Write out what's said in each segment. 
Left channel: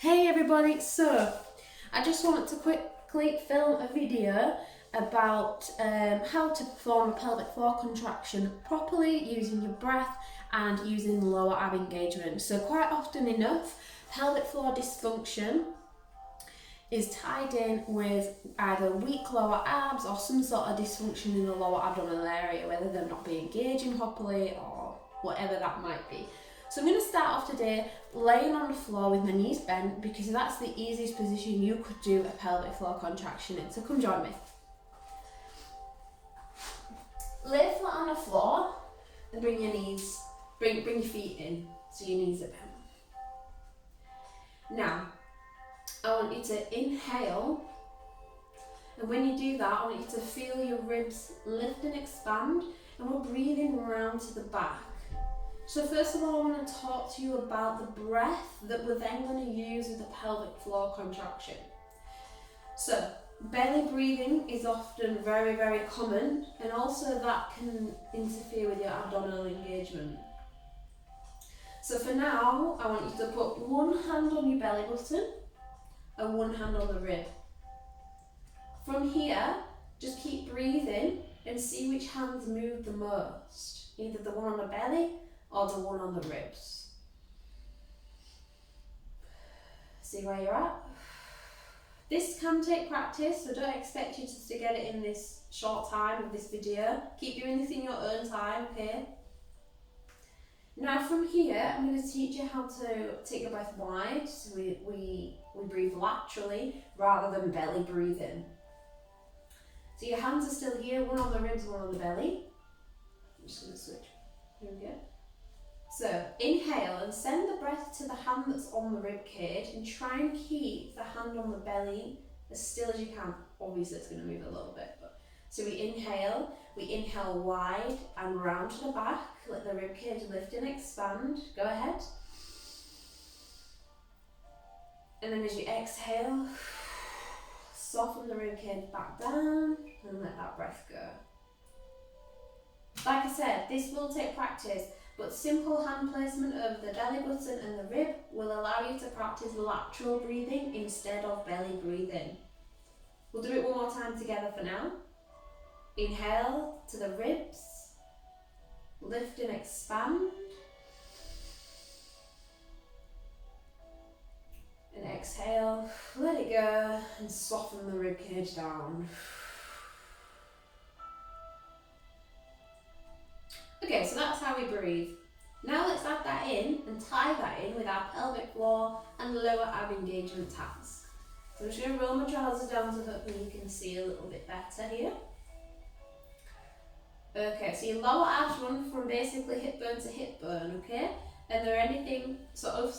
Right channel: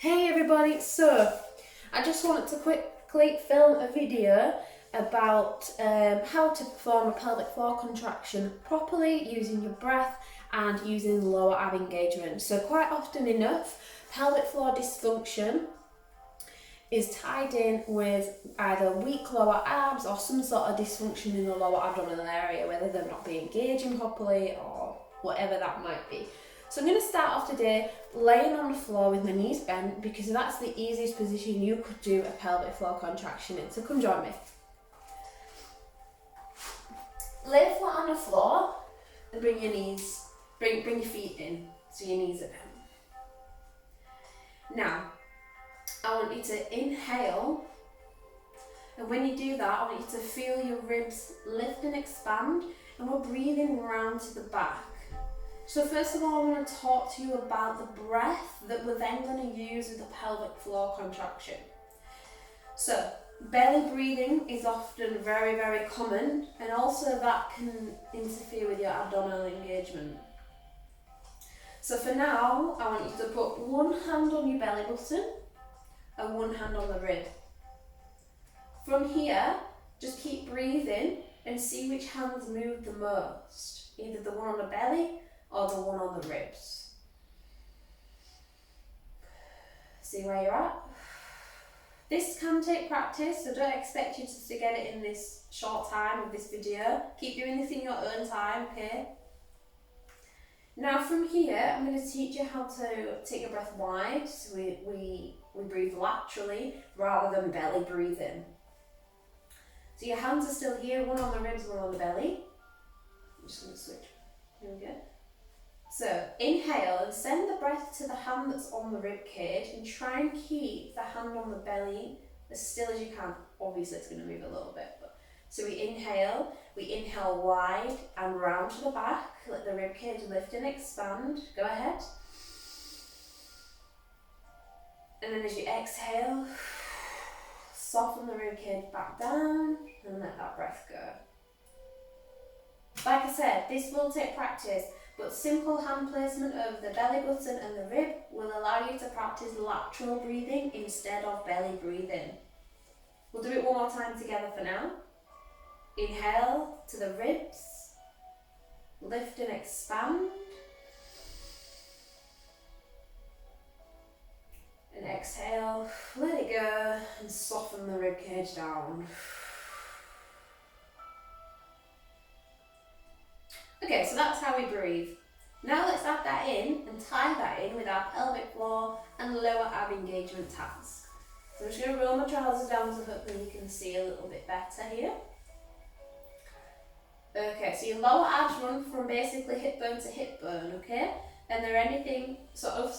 Hey everybody, so I just wanted to quickly film a video about how to perform a pelvic floor contraction properly using your breath and using lower ab engagement. So quite often enough, pelvic floor dysfunction is tied in with either weak lower abs or some sort of dysfunction in the lower abdominal area, whether they're not being engaging properly or whatever that might be. So I'm going to start off today laying on the floor with my knees bent because that's the easiest position you could do a pelvic floor contraction in. So come join me. Lay flat on the floor and bring your knees, bring your feet in so your knees are bent. Now, I want you to inhale, and when you do that, I want you to feel your ribs lift and expand, and we're breathing round to the back. So first of all, I want to talk to you about the breath that we're then going to use with the pelvic floor contraction. So belly breathing is often very, very common, and also that can interfere with your abdominal engagement. So for now, I want you to put one hand on your belly button and one hand on the rib. From here, just keep breathing and see which hands move the most, either the one on the belly or the one on the ribs. See where you're at? This can take practice, so don't expect you to get it in this short time of this video. Keep doing this in your own time, okay? Now from here, I'm going to teach you how to take your breath wide, so we breathe laterally rather than belly breathing. So your hands are still here, one on the ribs, one on the belly. I'm just going to switch. Here we go. So inhale and send the breath to the hand that's on the rib cage and try and keep the hand on the belly as still as you can. Obviously it's going to move a little bit. So we inhale wide and round to the back, let the rib cage lift and expand. Go ahead. And then as you exhale, soften the rib cage back down and let that breath go. Like I said, this will take practice, but simple hand placement over the belly button and the rib will allow you to practice lateral breathing instead of belly breathing. We'll do it one more time together for now. Inhale to the ribs, lift and expand. And exhale, let it go and soften the rib cage down. Okay, so that's how we breathe. Now let's add that in and tie that in with our pelvic floor and lower ab engagement task. So I'm just going to roll my trousers down so hopefully you can see a little bit better here. Okay, so your lower abs run from basically hip bone to hip bone, okay? And they're anything sort of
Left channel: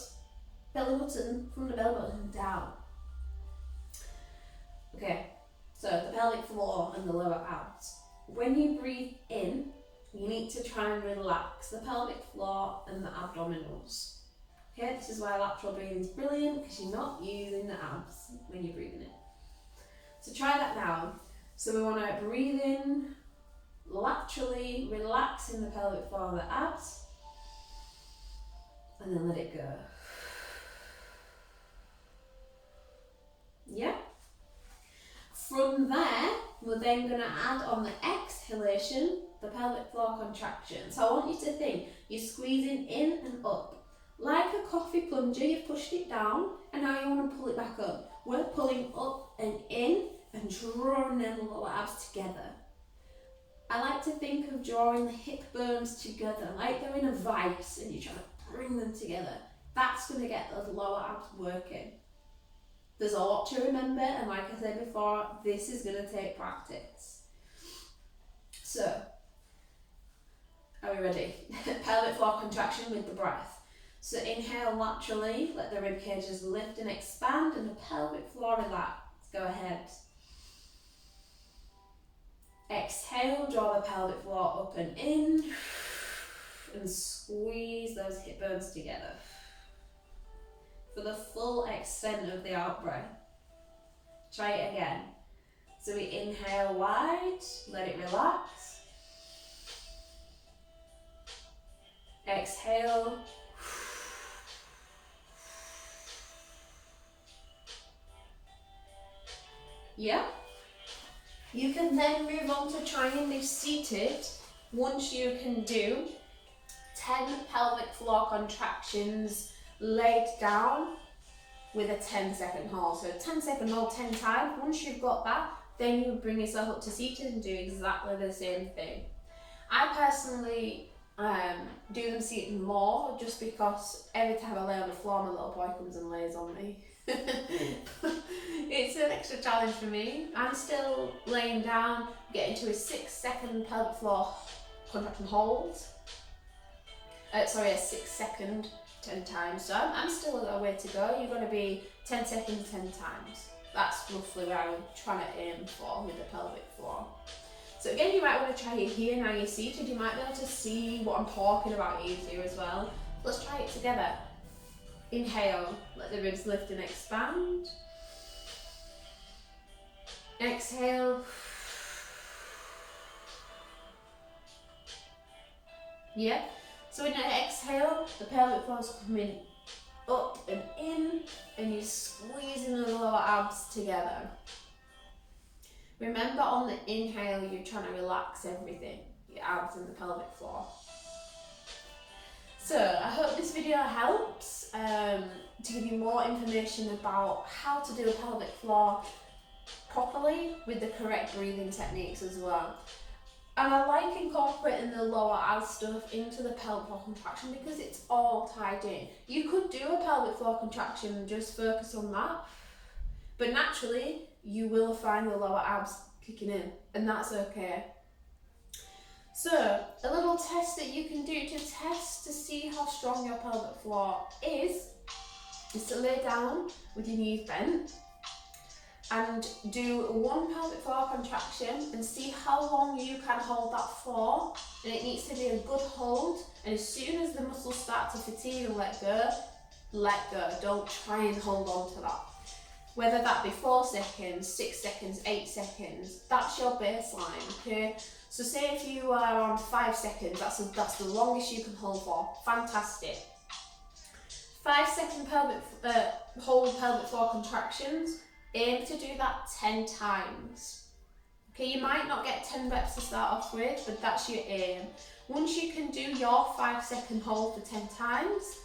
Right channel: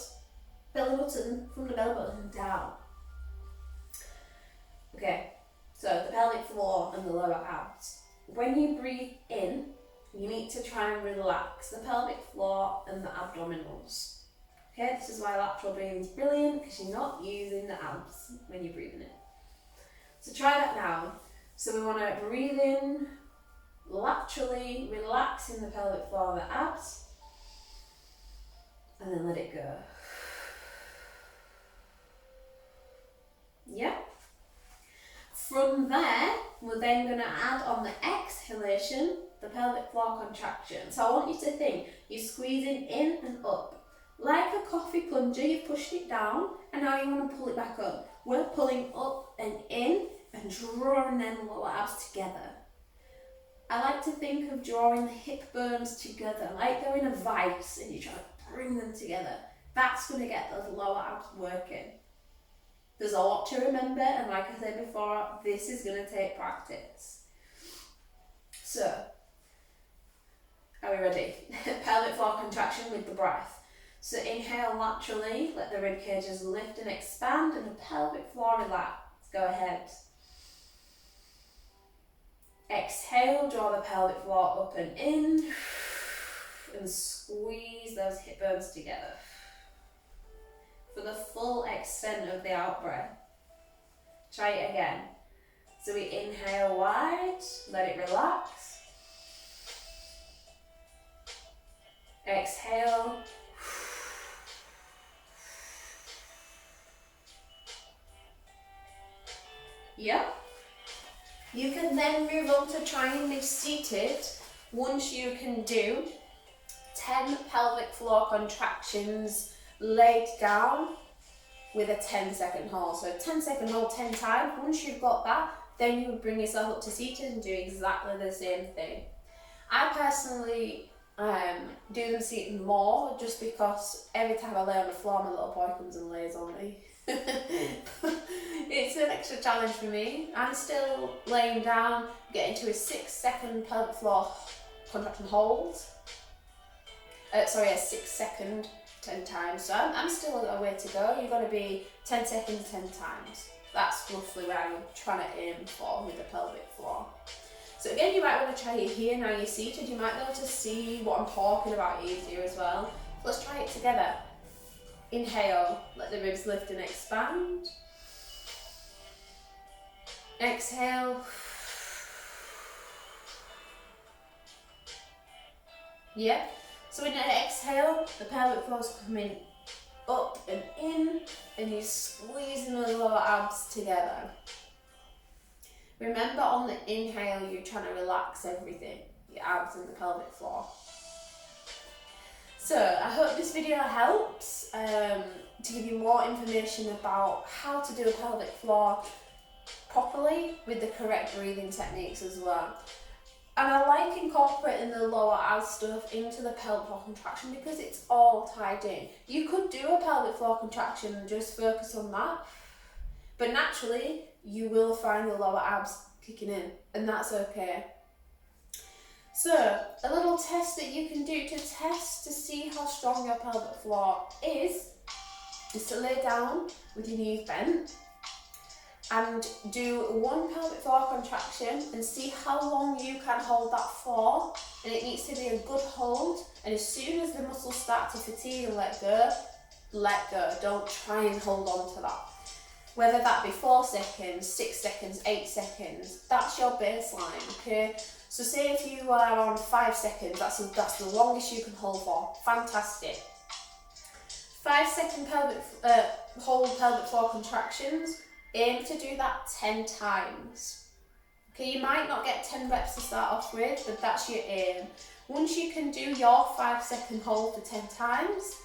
belly button, from the belly button down. Okay, so the pelvic floor and the lower abs. When you breathe in, you need to try and relax the pelvic floor and the abdominals. Okay, this is why lateral breathing is brilliant, because you're not using the abs when you're breathing in. So try that now. So we want to breathe in laterally, relaxing the pelvic floor and the abs, and then let it go. Yeah. From there, we're then going to add on the exhalation the pelvic floor contraction. So I want you to think you're squeezing in and up. Like a coffee plunger, you've pushed it down and now you want to pull it back up. We're pulling up and in and drawing them lower abs together. I like to think of drawing the hip bones together, like they're in a vice and you try to bring them together. That's going to get those lower abs working. There's a lot to remember, and like I said before, this is going to take practice. So, are we ready? Pelvic floor contraction with the breath. So inhale laterally, let the rib cages lift and expand, and the pelvic floor relax. Go ahead. Exhale, draw the pelvic floor up and in, and squeeze those hip bones together for the full extent of the out breath. Try it again. So we inhale wide, let it relax. Exhale. Yeah. You can then move on to triangle seated once you can do 10 pelvic floor contractions laid down with a 10-second hold. So a 10-second hold 10 times. Once you've got that, then you would bring yourself up to seated and do exactly the same thing. I personally do them seated more just because every time I lay on the floor, my little boy comes and lays on me. It's an extra challenge for me. I'm still laying down, getting to a 6-second pelvic floor contraction hold. A 6-second 10 times. So I'm still a way to go. You're going to be 10 seconds 10 times. That's roughly where I'm trying to aim for with the pelvic floor. So again, you might want to try it here. Now you're seated, you might be able to see what I'm talking about easier as well. Let's try it together. Inhale, let the ribs lift and expand. Exhale. Yeah. So in that exhale, the pelvic floor's coming up and in, and you're squeezing the lower abs together. Remember, on the inhale, you're trying to relax everything, your abs and the pelvic floor. So I hope this video helps to give you more information about how to do a pelvic floor properly with the correct breathing techniques as well. And I like incorporating the lower abs stuff into the pelvic floor contraction because it's all tied in. You could do a pelvic floor contraction and just focus on that, but naturally you will find the lower abs kicking in, and that's okay. So a little test that you can do to test to see how strong your pelvic floor is to lay down with your knees bent and do one pelvic floor contraction and see how long you can hold that for. And it needs to be a good hold, and as soon as the muscles start to fatigue and let go. Don't try and hold on to that. Whether that be 4 seconds, 6 seconds, 8 seconds, that's your baseline, okay? So say if you are on 5 seconds, that's the longest you can hold for. Fantastic. 5-second hold pelvic floor contractions. Aim to do that 10 times. Okay, you might not get 10 reps to start off with, but that's your aim. Once you can do your 5-second hold for 10 times,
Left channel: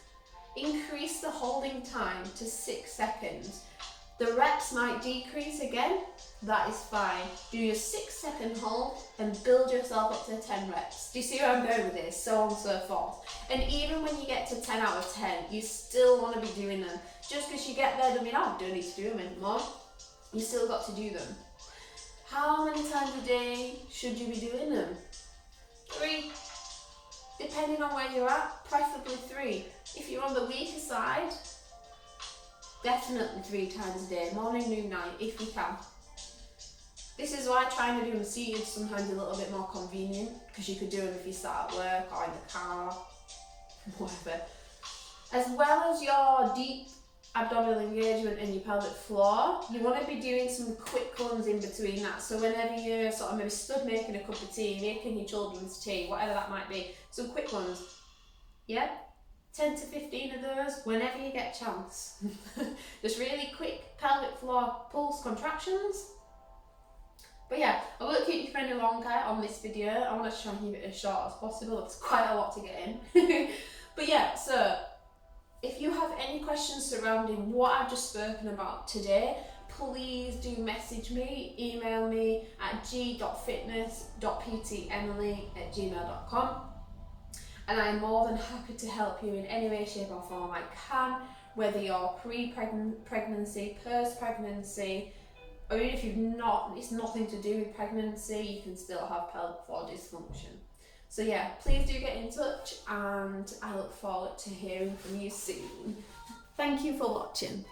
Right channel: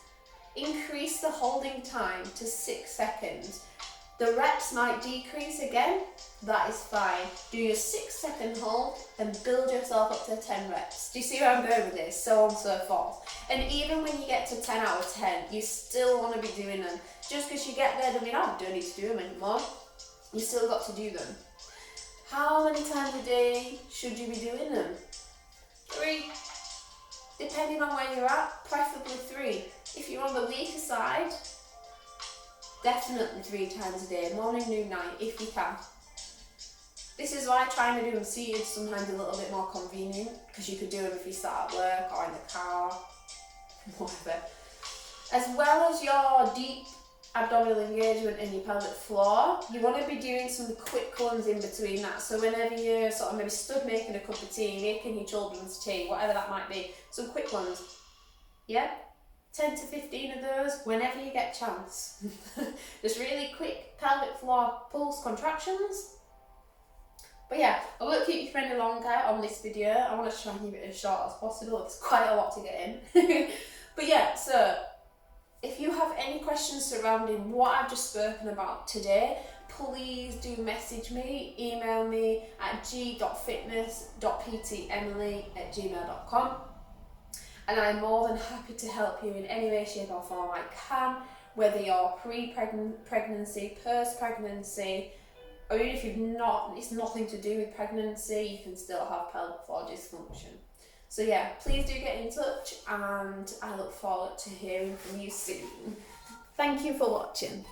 increase the holding time to 6 seconds. The reps might decrease again, that is fine. Do your 6-second hold and build yourself up to 10 reps. Do you see where I'm going with this? So on and so forth. And even when you get to 10 out of 10, you still want to be doing them. Just because you get there doesn't mean, I don't need to do them anymore. You still got to do them. How many times a day should you be doing them? 3. Depending on where you're at, preferably 3. If you're on the weaker side, definitely 3 times a day, morning, noon, night, if you can. This is why trying to do them seated is sometimes a little bit more convenient, because you could do them if you start at work or in the car, whatever. As well as your deep abdominal engagement and your pelvic floor, you want to be doing some quick ones in between that. So whenever you're sort of maybe stood making a cup of tea, making your children's tea, whatever that might be, some quick ones. Yeah? 10 to 15 of those whenever you get a chance. Just really quick pelvic floor pulse contractions. But yeah, I won't keep you for any longer on this video. I want to try and keep it as short as possible. It's quite a lot to get in. But yeah, so if you have any questions surrounding what I've just spoken about today, please do message me, email me at g.fitness.ptemily@gmail.com. And I'm more than happy to help you in any way, shape or form I can, whether you're pre-pregnancy, post-pregnancy, or even if it's nothing to do with pregnancy, you can still have pelvic floor dysfunction. So yeah, please do get in touch, and I look forward to hearing from you soon. Thank you for watching.